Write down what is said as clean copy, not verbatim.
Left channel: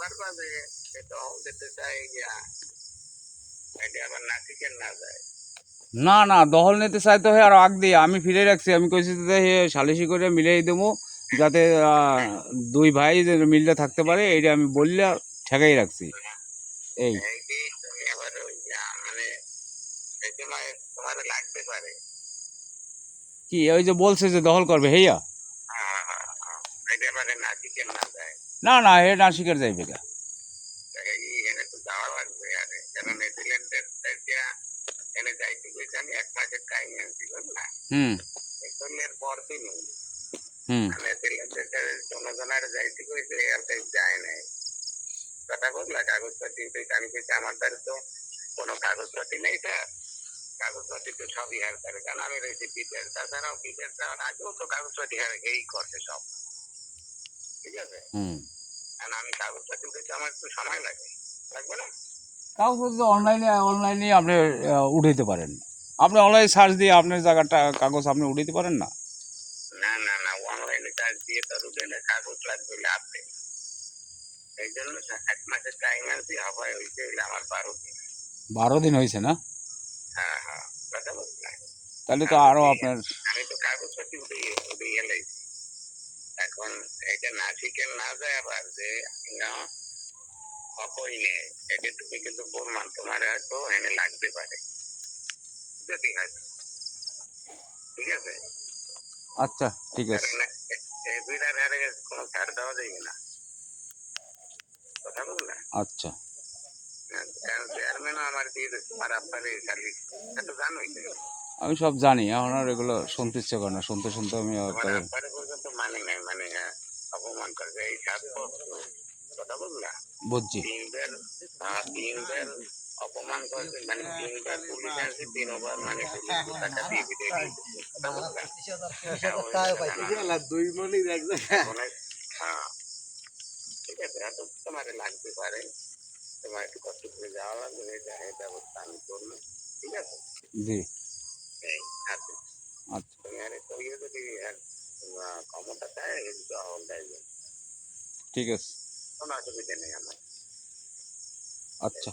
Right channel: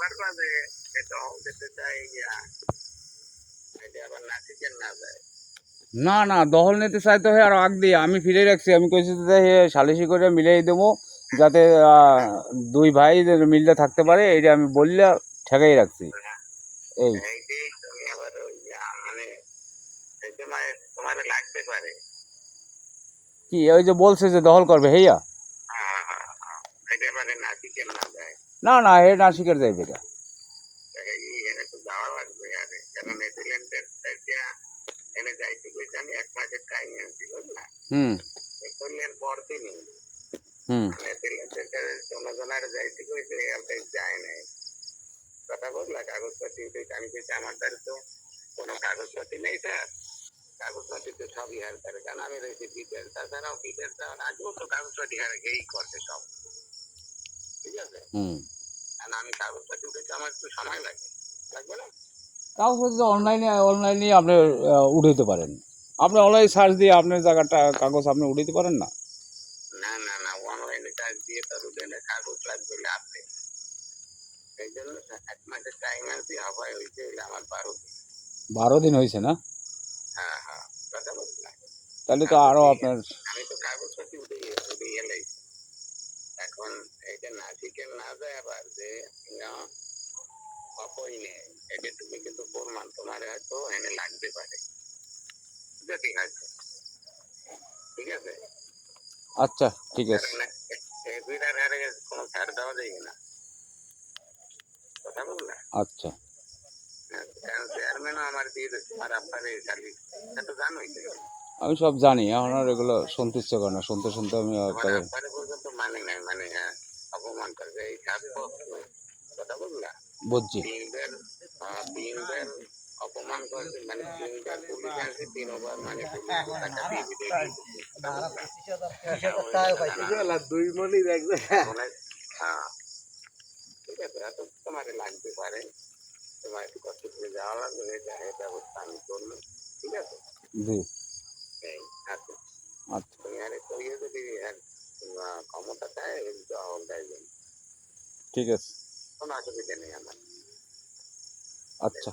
পারবা যে দখল দিতে চাই এটা আবার নাসিকের না যায়? না না, দখল নিতে চাইতে হয় আর আগ দিয়ে আমি ফিরে রাখছি। আমি কইছি যে সালিশি করে মিলিয়ে দেবো, যাতে দুই ভাই যে মিললে থাকতে পারে, এইটা আমি বললে ঠেকাই রাখছি। এই এইটাই তুমি আবার ওই মানে এই সময় তোমার লাগতে পারে। কি ওই যে বলছে যে দখল করবে হেয়া? এটা পারে নাসিকের না যায়? না না, হে নাসিকের যাইবে না। এনে তো যাওয়া লাগবে আরে, কারণ নেদারল্যান্ডের এনে যাইতে গেছে আমি 1 মাসের টাইম আনছি, বুঝলা? হুম নেদারল্যান্ড পরদিনই হুম নেদারল্যান্ডের জনগণের যাইতে গেছে আর যায় নাই। কথা বুঝলা? কাগজপাতি আমি কইছি আমার দ্বারা তো কোনো কাগজপাতি নেই স্যার, কাগজপাতি তো সবই হার করে, কারণ আমি রয়েছি বিদেশ। তাছাড়াও বিদেশ যাওয়ার আগেও তো কাগজপাতি এই করছে সব, ঠিক আছে? হুম কারণ আমি কাগজপাতি দিতে আমার একটু সময় লাগে, লাগবে না? কাগজ অনলাইনে আপনি উঠাইতে পারেন। আপনি অনলাইনে সার্চ দিয়ে আপনার জায়গাটা কাগজ আপনি উঠাইতে পারেন না? না না না, অনলাইনে কাজ দিয়ে তার উঠে কাগজ লাগবে লাভবে। এই জন্য 1 মাসের টাইম আনছি, হয় হইতে হইলে আমার 12 দিন। 12 দিন হয়েছে না? হ্যাঁ হ্যাঁ, কথা বুঝলা? তাহলে তো আরও আপনার আমি তো কাগজপাতি উঠে গেলেই এখন এটা নাসিকের না যায় আবার যে অপরিনে এটা তুমি কিন্তু প্রমাণ তোমার হয়তো এনে লাগতে পারে, যদি হয়তো, ঠিক আছে? আচ্ছা ঠিক আছে। এফিডার হারে কোনো ছাড় দেওয়া যাবে না, কথা বুঝলা? আচ্ছা, কারণ চেয়ারম্যানও আমার দিয়ে দিচ্ছে আর আপনার এই সার্ভিস তো জানোই তো। আমি সব জানি, এখন আর এগুলো শুনতে ইচ্ছে করে না, শুনতে শুনতে আমি আমার আপনারে পর্যন্ত মানে নাই, মানে অপমান করবে এই কথা বুঝলা? বুঝছি। 3 বার অপমান করবে, মানে 3 বার পুলিশ আসে, 3বার মানে ঠিক আছে? এত তোমার লাগতে পারে, তোমার একটু কষ্ট করে যাওয়া লাগবে, ব্যবস্থা আমি করবো, ঠিক আছে? জি এই আছে, আচ্ছা তুমি আরে কইয়ে যদি ক্ষমতা চায় দখল দেয়, ঠিক আছে। কোনো অসুবিধা নেই আমার। আচ্ছা।